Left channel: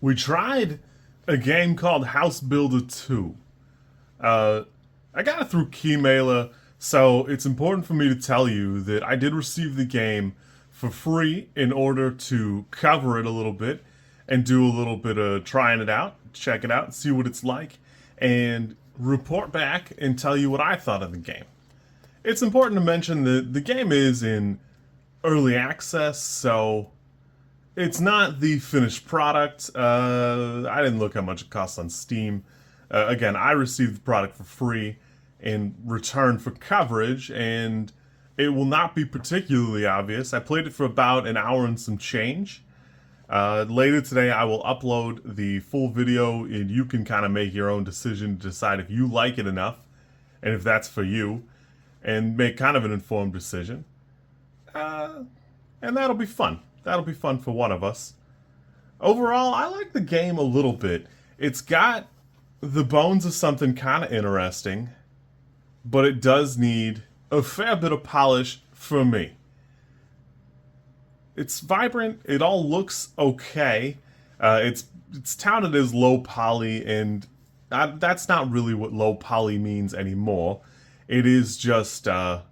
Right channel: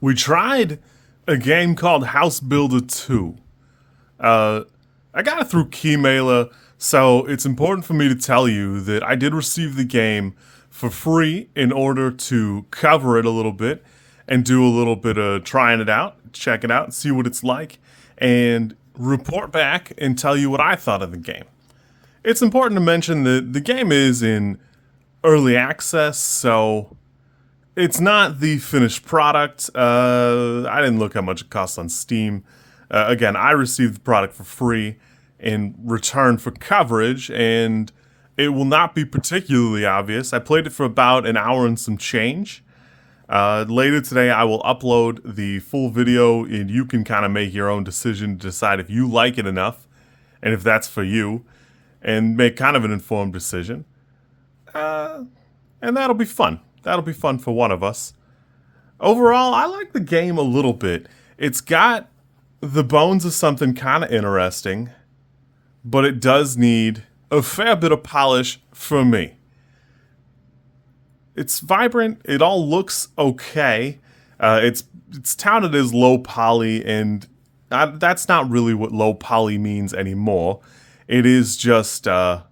We tried a game called House Builder 2. Uh, I got it through Keymailer, so it's important for me to tell you that I did receive the game for free in order to cover it a little bit and do a little bit of trying it out, check it out, see what it's like, and report back and tell you what I thought of the game. It's important to mention that the game is in early access, so it's not the finished product. I didn't look how much it costs on Steam. Again, I received the product for free in return for coverage, and it will not be particularly obvious. I played it for about an hour and some change. Later today, I will upload the full video, and you can kind of make your own decision to decide if you like it enough, and if that's for you, and make kind of an informed decision. And that'll be fun. That'll be fun for one of us. Overall, I like the game a little bit. It's got the bones of something kind of interesting, but it does need a fair bit of polish for me. It's vibrant. It all looks okay. It's touted as low poly, and that's not really what low poly means anymore. It is just a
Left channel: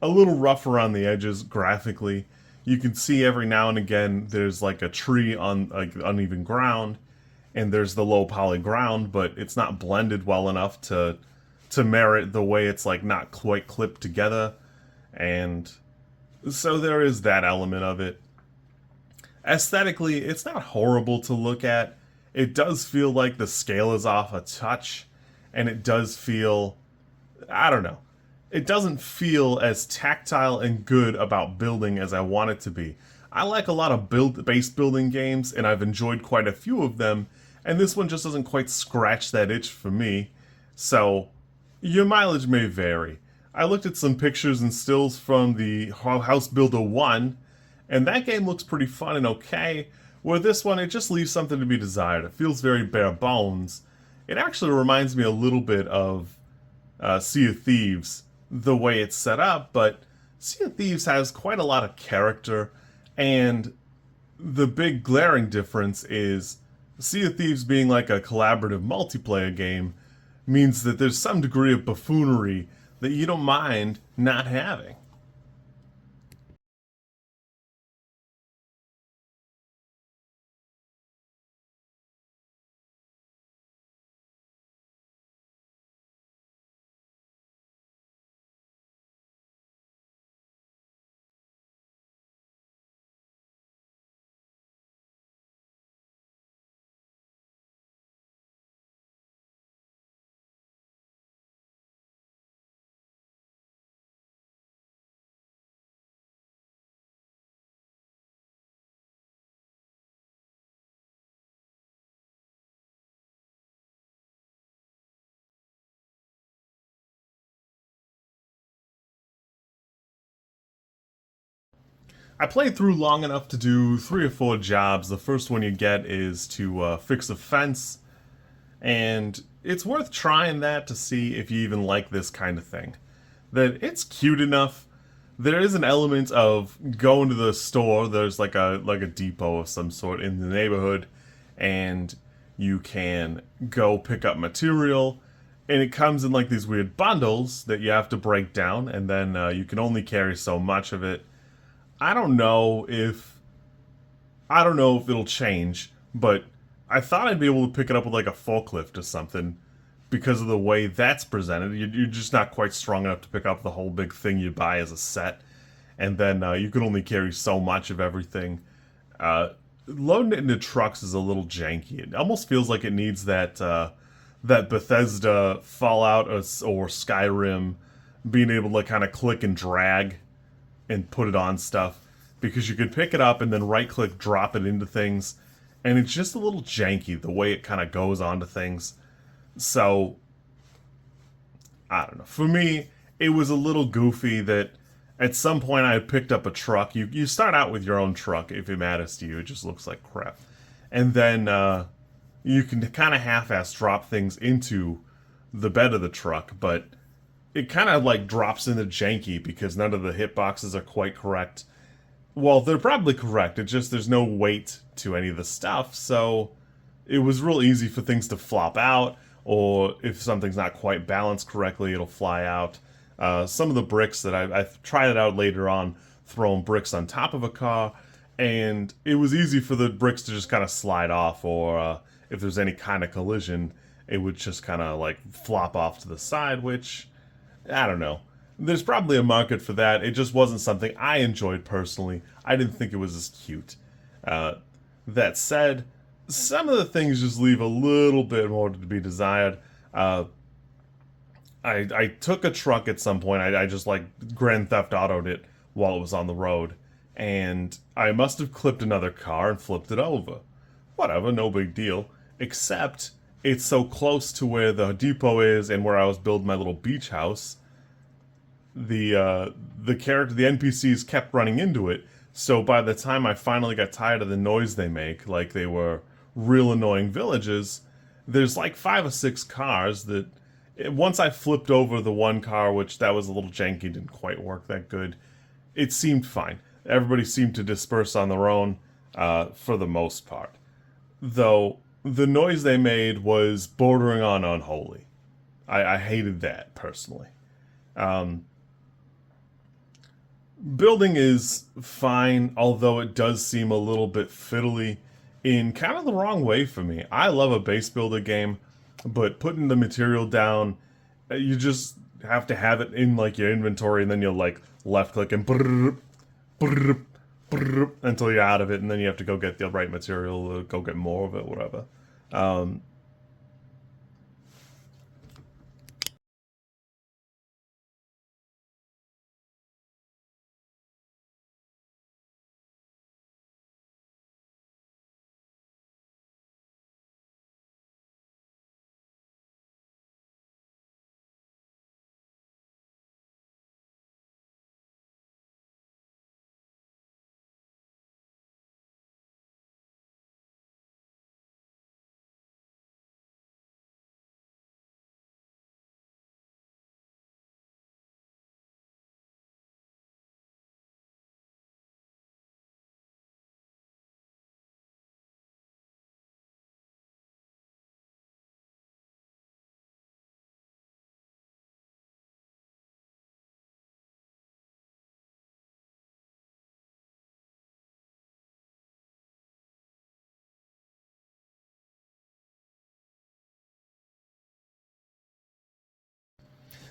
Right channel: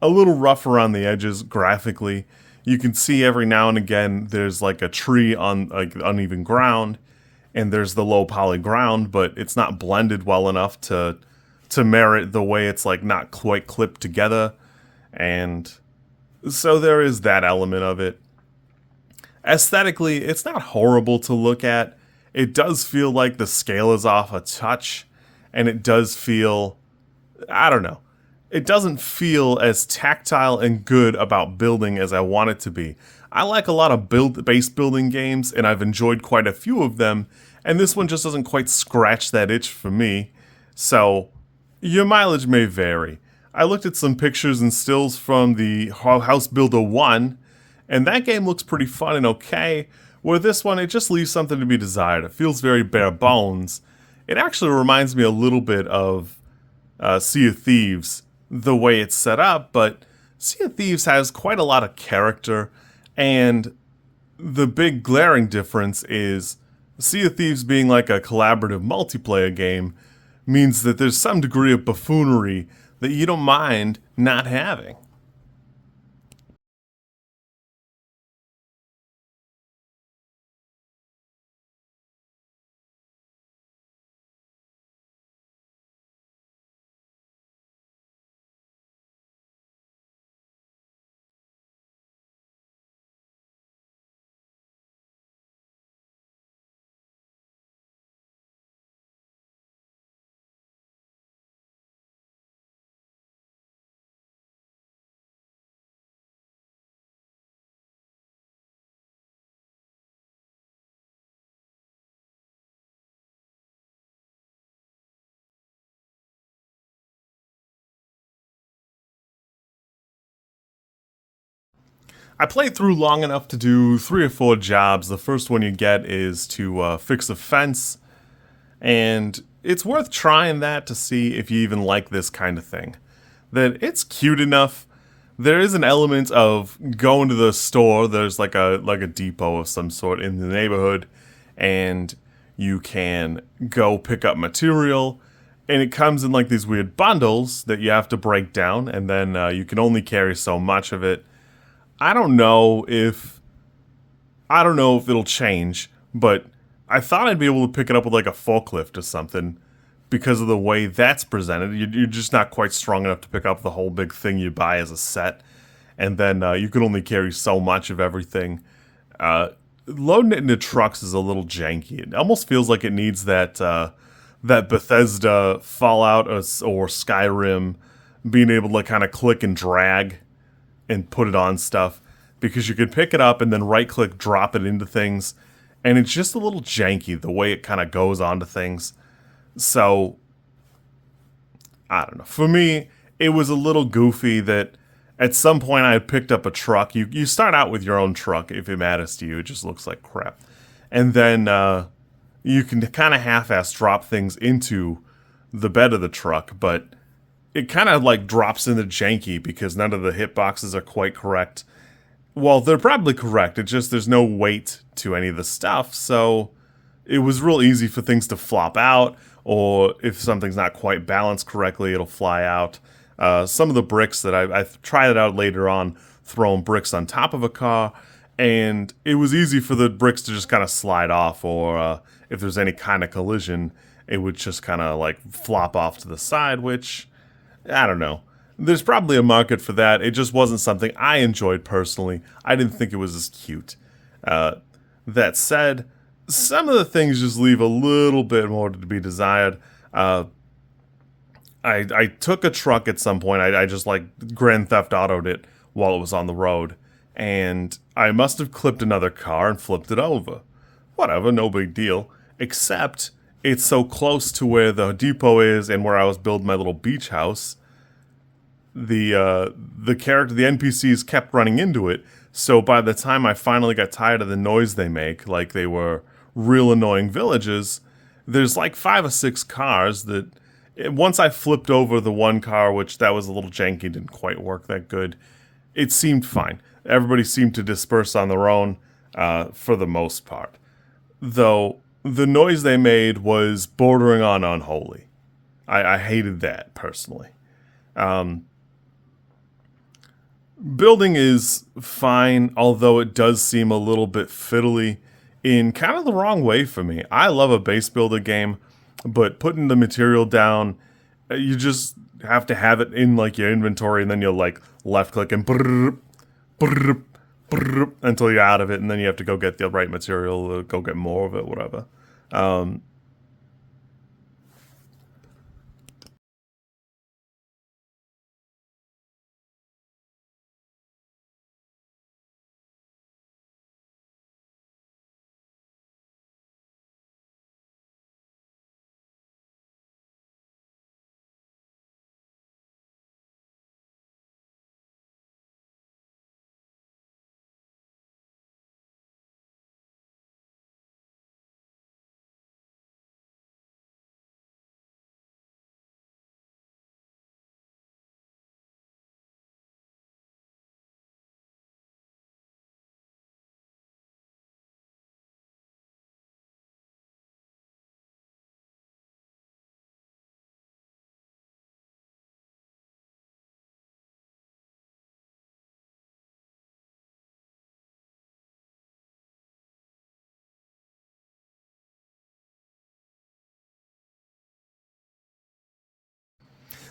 little rough around the edges graphically. You can see every now and again there's like a tree on like uneven ground, and there's the low poly ground, but it's not blended well enough to merit the way it's like not quite clipped together. And so there is that element of it. Aesthetically, it's not horrible to look at. It does feel like the scale is off a touch, and it does feel, I don't know, it doesn't feel as tactile and good about building as I want it to be. I like a lot of base building games, and I've enjoyed quite a few of them, and this one just doesn't quite scratch that itch for me. So your mileage may vary. I looked at some pictures and stills from the House Builder 1, and that game looks pretty fun and okay, where this one, it just leaves something to be desired. It feels very bare bones. It actually reminds me a little bit of Sea of Thieves, the way it's set up, but Sea of Thieves has quite a lot of character, and the big glaring difference is Sea of Thieves being like a collaborative multiplayer game means that there's some degree of buffoonery that you don't mind not having. I played through long enough to do 3 or 4 jobs. The first one you get is to fix a fence, and it's worth trying that to see if you even like this kind of thing. That it's cute enough. There is an element of going to the store. There's like a depot of some sort in the neighborhood, and you can go pick up material, and it comes in like these weird bundles that you have to break down, and then you can only carry so much of it. I don't know if I don't know if it'll change, but I thought I'd be able to pick it up with like a forklift or something because of the way that's presented. You're just not quite strong enough to pick up the whole big thing you buy as a set, and then you can only carry so much of everything. Loading it into trucks is a little janky. It almost feels like it needs that Bethesda Fallout or Skyrim being able to kind of click and drag and put it on stuff, because you could pick it up and then right click drop it into things, and it's just a little janky the way it kind of goes onto things. So I don't know, for me it was a little goofy that at some point I had picked up a truck. You start out with your own truck if it matters to you. It just looks like crap, and then you can kind of half-ass drop things into the bed of the truck, but it kind of like drops into janky because none of the hitboxes are quite correct. Well, they're probably correct. It's just there's no weight to any of the stuff, so it was real easy for things to flop out, or if something's not quite balanced correctly, it'll fly out. Some of the bricks that I've tried it out later on, throwing bricks on top of a car, and it was easy for the bricks to just kind of slide off, or if there's any kind of collision, it would just kind of like flop off to the side, which, I don't know. There's probably a market for that. It just wasn't something I enjoyed personally. I didn't think it was as cute. That said, some of the things just leave a little bit more to be desired. I took a truck at some point. I just like Grand Theft Auto'd it while it was on the road, and I must have clipped another car and flipped it over. Whatever, no big deal. Except it's so close to where the depot is and where I was building my little beach house. The character, the NPCs kept running into it. So by the time I finally got tired of the noise they make, like they were real annoying villages, there's like 5 or 6 cars that once I flipped over the one car, which that was a little janky, didn't quite work that good, it seemed fine. Everybody seemed to disperse on their own for the most part. Though the noise they made was bordering on unholy. I hated that personally. Building is fine, although it does seem a little bit fiddly in kind of the wrong way for me. I love a base builder game, but putting the material down, you just have to have it in like your inventory, and then you'll like left click and brrr, brrr, brrr, until you're out of it, and then you have to go get the right material, or go get more of it, whatever. Um,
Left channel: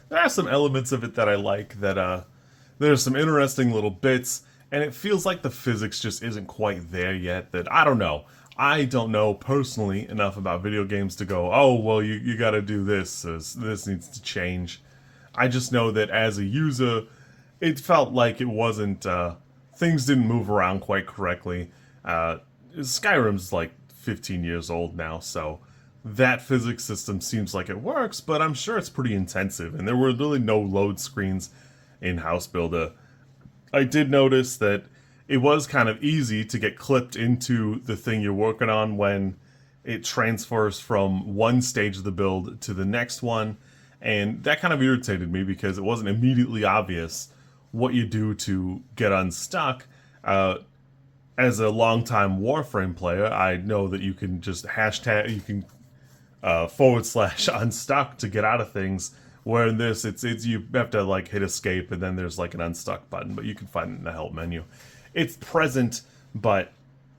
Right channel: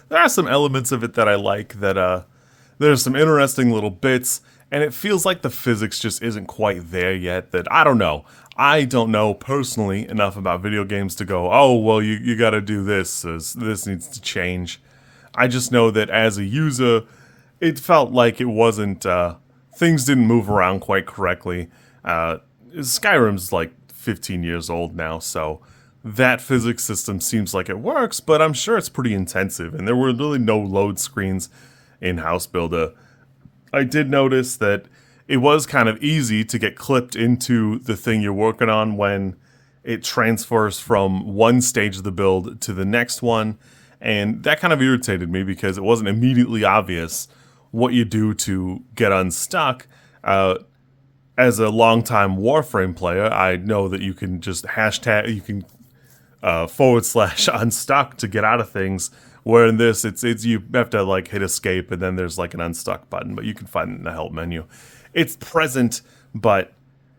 there are some elements of it that I like. There's some interesting little bits, and it feels like the physics just isn't quite there yet. That I don't know. I don't know personally enough about video games to go, oh, well, you got to do this. This needs to change. I just know that as a user, it felt like it wasn't, things didn't move around quite correctly. Skyrim's like 15 years old now, so that physics system seems like it works, but I'm sure it's pretty intensive, and there were really no load screens in House Builder. I did notice that it was kind of easy to get clipped into the thing you're working on when it transfers from one stage of the build to the next one, and that kind of irritated me because it wasn't immediately obvious what you do to get unstuck. As a longtime Warframe player, I know that you can just hashtag, you can / unstuck to get out of things. Where in this, it's you have to like hit escape, and then there's like an unstuck button, but you can find it in the help menu. It's present, but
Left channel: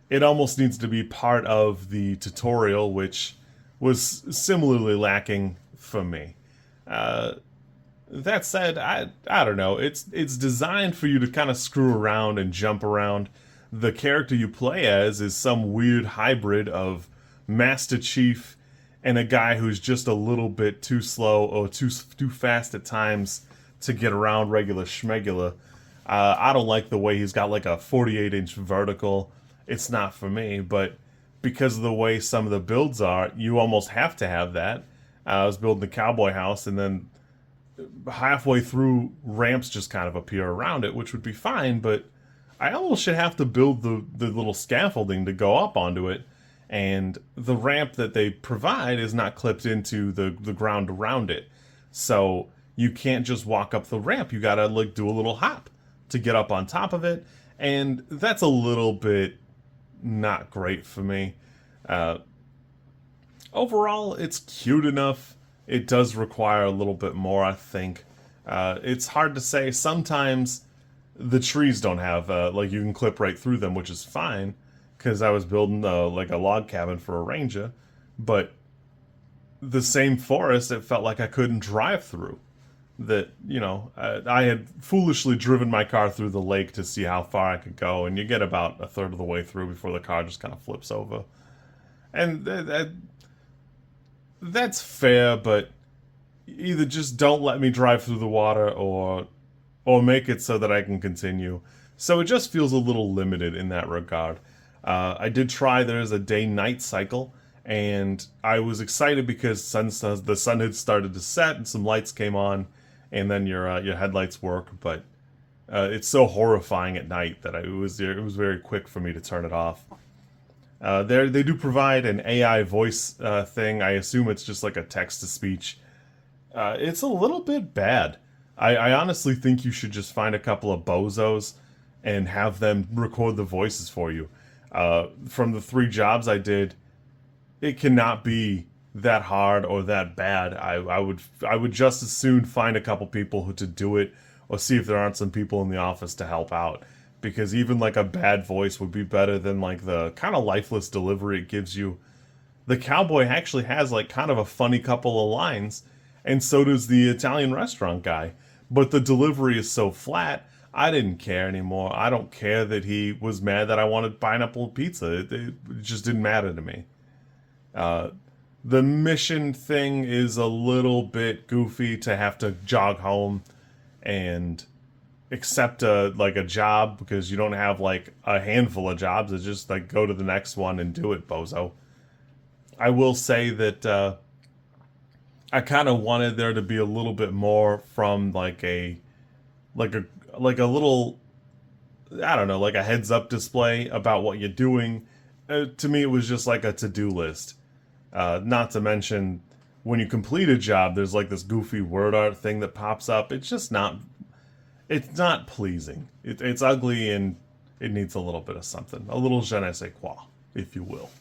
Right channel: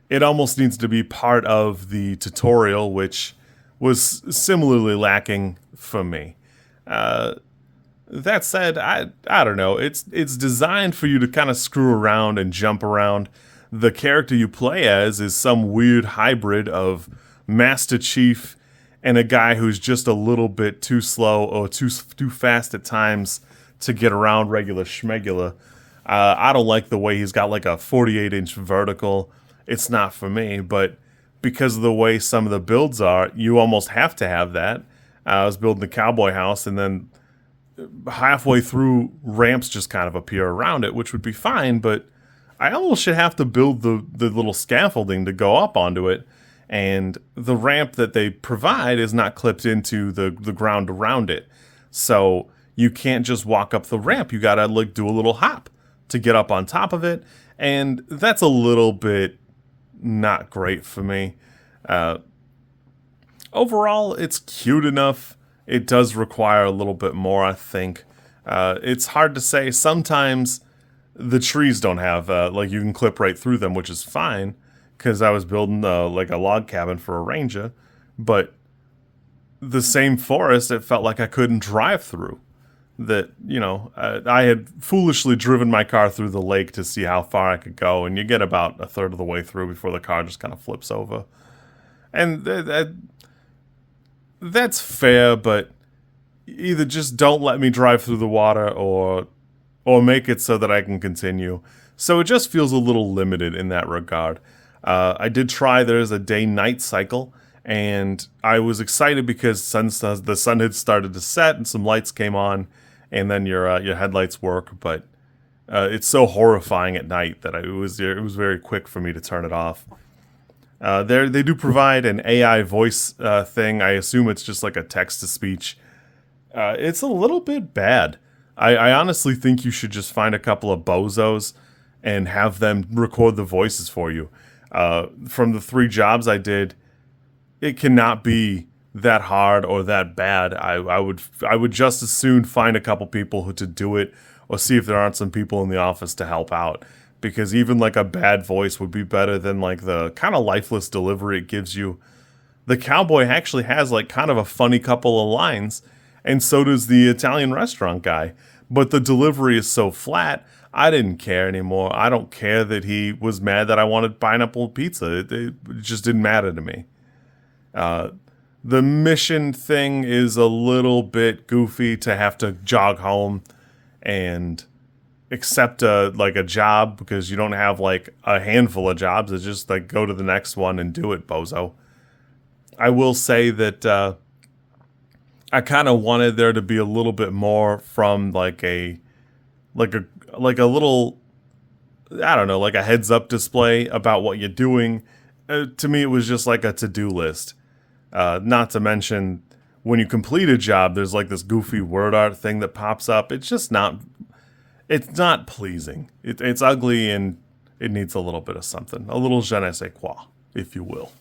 it almost needs to be part of the tutorial, which was similarly lacking for me. That said, I don't know. It's designed for you to kind of screw around and jump around. The character you play as is some weird hybrid of Master Chief and a guy who's just a little bit too slow or too fast at times to get around regular schmegula. I don't like the way he's got like a 48-inch vertical. It's not for me, but because of the way some of the builds are, you almost have to have that. I was building the cowboy house, and then halfway through, ramps just kind of appear around it, which would be fine, but I almost should have to build the little scaffolding to go up onto it, and the ramp that they provide is not clipped into the ground around it. So you can't just walk up the ramp. You gotta like do a little hop to get up on top of it, and that's a little bit not great for me. Overall, it's cute enough. It does require a little bit more, I think. It's hard to say. Sometimes the trees don't have like you can clip right through them, which is fine because I was building like a log cabin for a ranger, but the same forest it felt like I couldn't drive through. That I had foolishly driven my car through the lake to see how far I could go, and you get about a third of the way through before the car just kind of flips over. And that's fair, but either just don't let me drive through the water or make it so that I can continue. So it just feels a little limited in that regard. I did try there's a day-night cycle, and I was excited because the sun had started to set and some lights came on, and then your headlights work. But it's so horrifying at night that it was very quick for me to turn it off. They do provide an AI voice thing. I assume it's just like a text to speech. It's a little bit bad. I honestly think you should just find a couple of bozos and have them record the voices for you. From the 3 jobs I did, it cannot be that hard or that bad. I would just as soon find a couple people who to do it, or see if there aren't some people in the office to help out. Because even like a bad voice would be better than like the kind of lifeless delivery it gives you. The cowboy actually has like kind of a funny couple of lines, and so does the Italian restaurant guy. But the delivery is so flat, I didn't care anymore. I don't care that he was mad that I wanted pineapple pizza. It just didn't matter to me. Uh, the mission thing is a little bit goofy to have to jog home and accept a job because you don't have like a handful of jobs. It's just like go to the next one and do it, bozo. I will say that I kind of wanted there to be a little bit more from like a like a little, I don't know, like a heads up display about what you're doing. To me, it was just like a to do list. Not to mention when you complete a job, there's like this goofy word art thing that pops up. It's not pleasing. It's ugly and it needs a little bit of something, a little je ne sais quoi, if you will.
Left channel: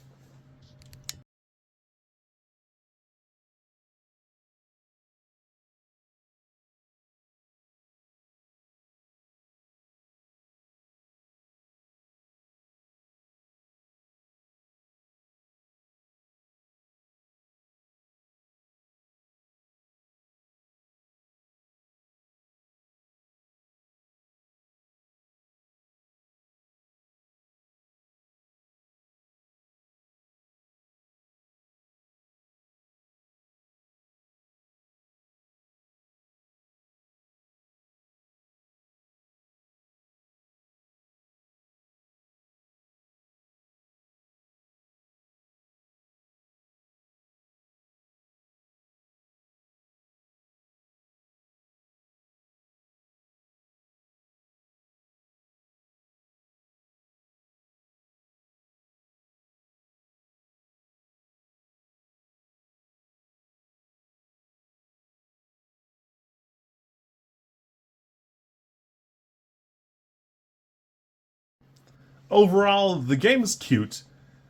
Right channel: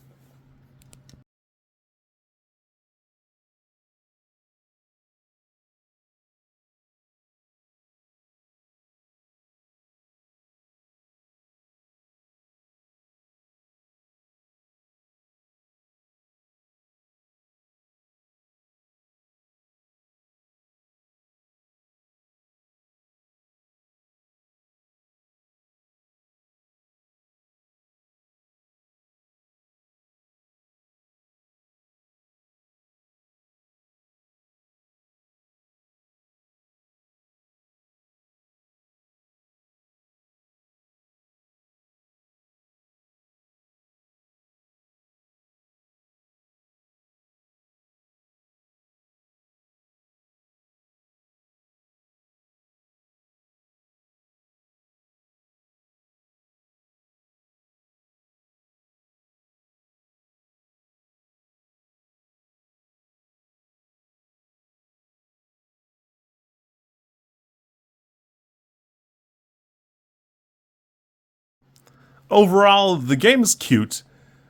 Overall, the game is cute,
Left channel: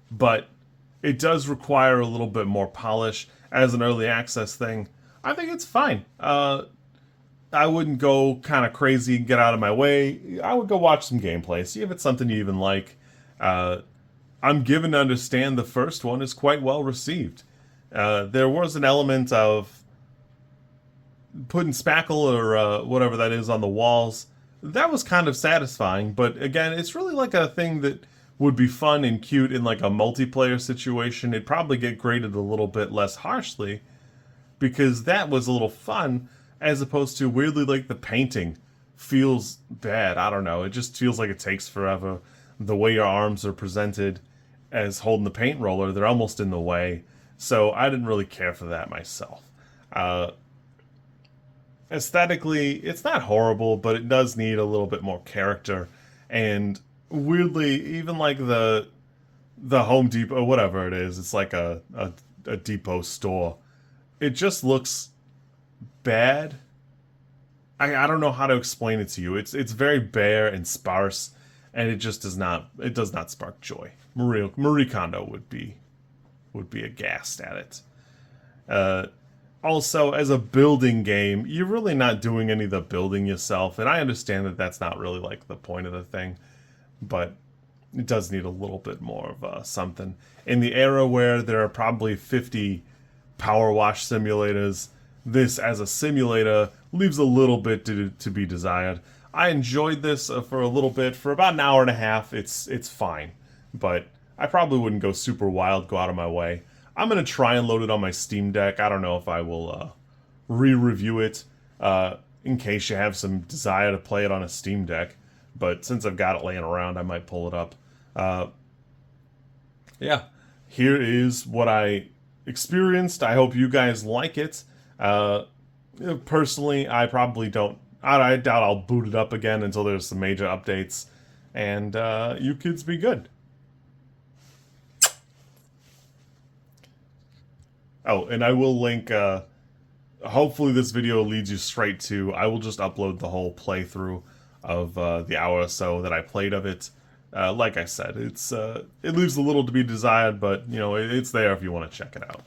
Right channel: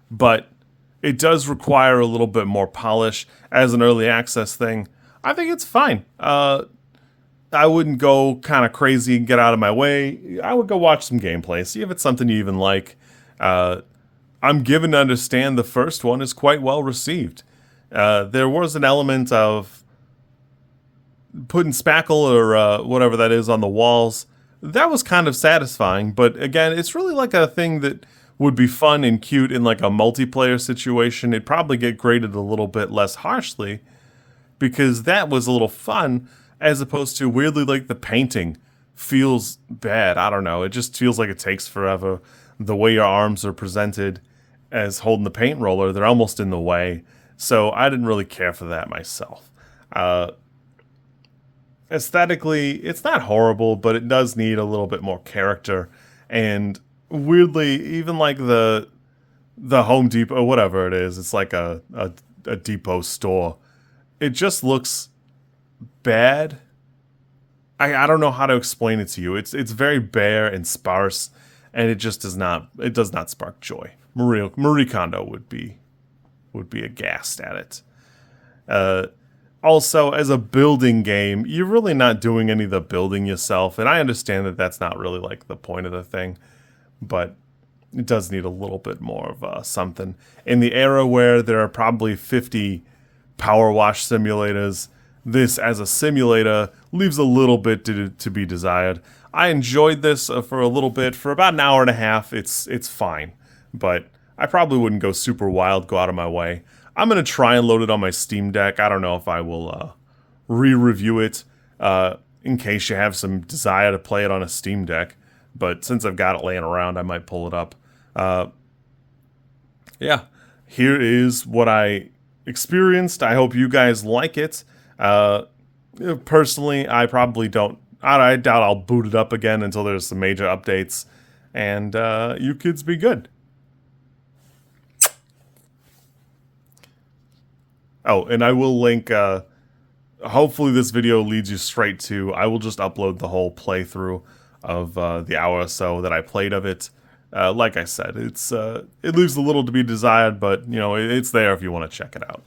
but it does require a little bit more polish as an early access thing. I think it's fine. I wouldn't go kind of crazy and get out of my way. I would go watch some gameplay, see if it's something you even like. Uh, I'm given to understand the first one is quite well received. There was an element of putting spackle or whatever that is on the walls. That was kind of satisfying, but again, it's really like a thing that would be fun and cute in like a multiplayer situation. It'd probably get graded a little bit less harshly because that was a little fun, as opposed to weirdly like the painting feels bad. I don't know. It just feels like it takes forever. The way your arms are presented as holding the paint roller, they're almost in the way. So I didn't really care for that myself. Uh, Aesthetically, it's not horrible, but it does need a little bit more character. And weirdly, even like the Home Depot, whatever it is, it's like a depot store. It just looks bad. I don't know how to explain it to you. It's very bare and sparse, and it just does not spark joy. Marie Kondo would be. would be aghast at it. Also, as a building game, you're really not doing any of the building yourself, and I understand that that's not really like the point of the thing, but it does need a little bit more of something. In the era where there are probably 50 power wash simulators, this as a simulator leaves a little bit to be desired. I enjoyed this for a little bit, for about an hour and a half. It's fine, but I probably wouldn't go super wild, go out of my way. I'm gonna try and load it on my Steam Deck. I don't know if I will re-review it in case you have some desire to play it on a Steam Deck. But since I've got it laying around, I might pull it up. Yeah, here is what I experienced. I hope you guys like it. Personally, I probably don't. I doubt I'll boot it up again until there's some major updates. And you kids be good. Oh, and I will link, hopefully this video leads you straight to, I will just upload the whole playthrough of the hour or so that I played of it. Like I said, it leaves a little to be desired, but, you know, it's there if you want to check it out.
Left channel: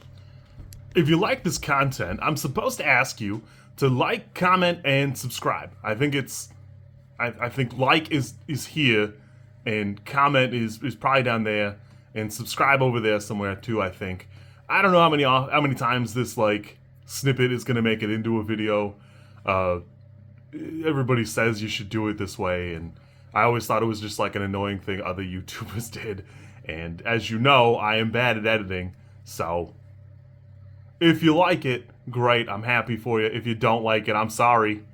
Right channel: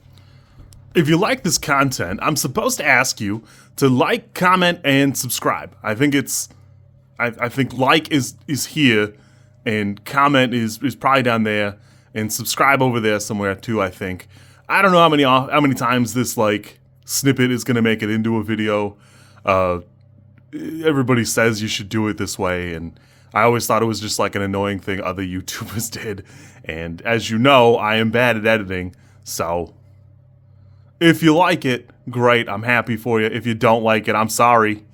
If you like this content, I'm supposed to ask you to like, comment, and subscribe. I think I think like is here, and comment is probably down there, and subscribe over there somewhere too, I think. I don't know how many times this like snippet is gonna make it into a video. Everybody says you should do it this way, and I always thought it was just like an annoying thing other YouTubers did. And as you know, I am bad at editing, so if you like it, great, I'm happy for you. If you don't like it, I'm sorry.